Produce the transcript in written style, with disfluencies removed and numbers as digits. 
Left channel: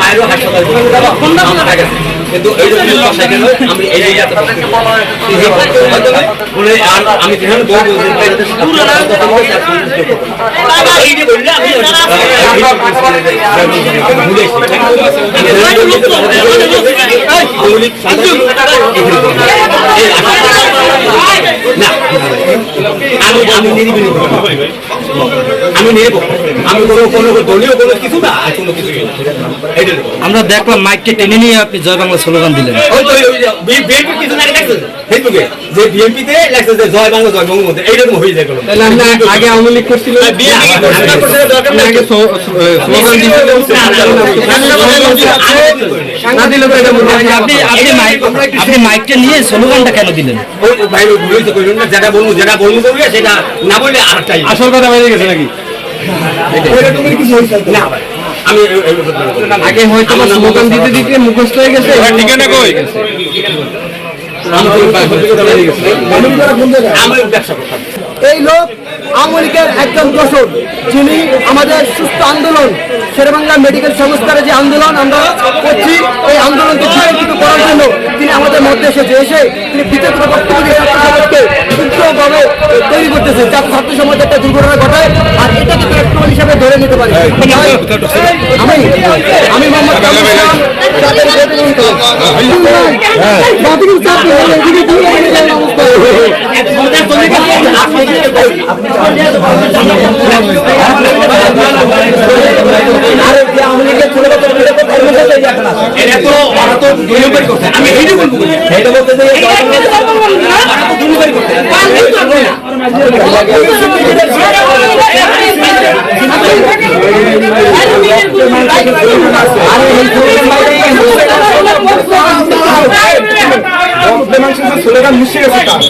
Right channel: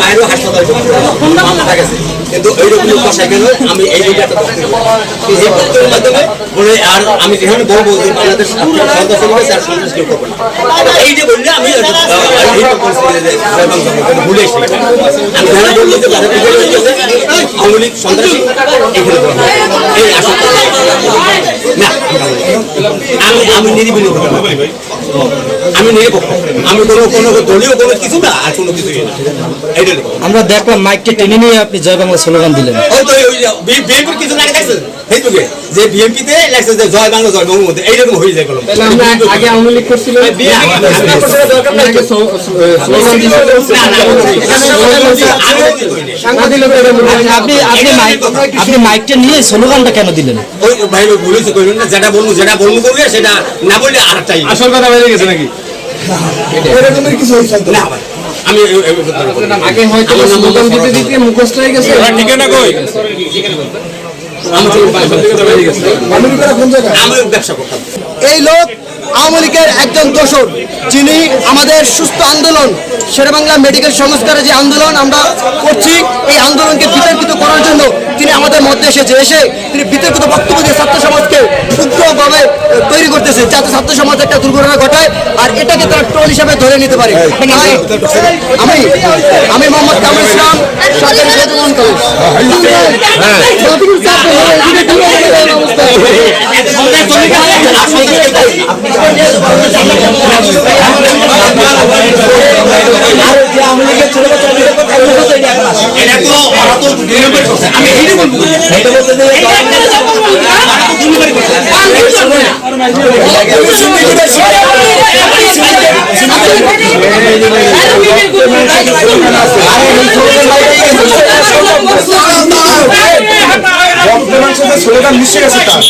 মায়েরও হাসপাতাল কিন্তু এইরকম সেখানেও আমি এই মাধ্যমে আর আমি যেখানে বলবো যে এই যে বললে আমি আমি নিরিবিলি আমি নিরপেক্ষ আমি কোনো দলীয় কোনো কিছু না আর কোনো কিছু আমরা দেখলাম মাইকটা টেনে নিয়ে আপনি জয় বাংলা স্লোগান দিলেন। ওই তো বিএনপি কিছু না দেখছেন ফেসবুকে যে বিএনপিতে লেখছে যে জয় বাংলা জয় বঙ্গবন্ধু এইরকম হয়ে যায়। তাহলে আমরা আগে আওয়ামী লীগ করছিল আপনি মাইকটা নিয়ে স্লোগানটা কেন দিলেন? ওই ভাই বলেছে কইলেন না যেটা বলবো করবে সেটা না বললে আরেকটাই আসল কথা বেরিয়ে গেছে নাকি ওইরকমের কিছু হইছে না ভাই। আমি আগে হয়তো স্লোগান দিতে দিতে মুখস্থ হয়ে গেছে। ঠিকানা কই আমি ব্যবসা করতাম। এই লোক আওয়ামী লীগের একজন দোসর, যিনি আমাদের সুস্থ আন্দোলন শেরেবাংলা মেডিকেল সংস্কারের যে আন্দোলন আমরা করছি, এই আন্দোলনকে বিতর্কিত করার জন্য তিনি আমাদের মধ্যে এসে তিনি বিতর্কিত বক্তব্য দিয়ে ছাত্র সমাজকে উগ্রভাবে তৈরি করতেছে, যাতে ছাত্র সমাজ একটা দুর্ঘটনা ঘটায় আর এটাকে তারা ট্রল হিসাবে ধরে নিতে পারে। আমি মোহাম্মদ কামরুল ইসলাম, সরকারি বেতন কলেজ। স্লোগান মিশে গেছে তার